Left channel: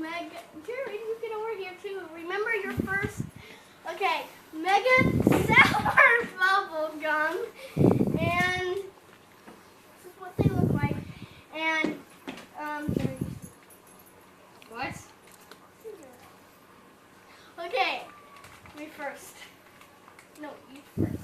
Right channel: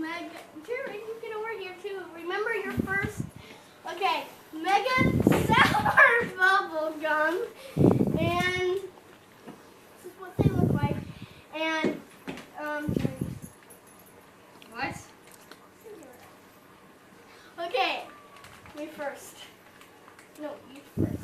Mega. Jerry, you get over here too. Remember your first. Okay, Mega Sour Bubble Gum, and this is what they look like. And What? Okay, me first. No, you first.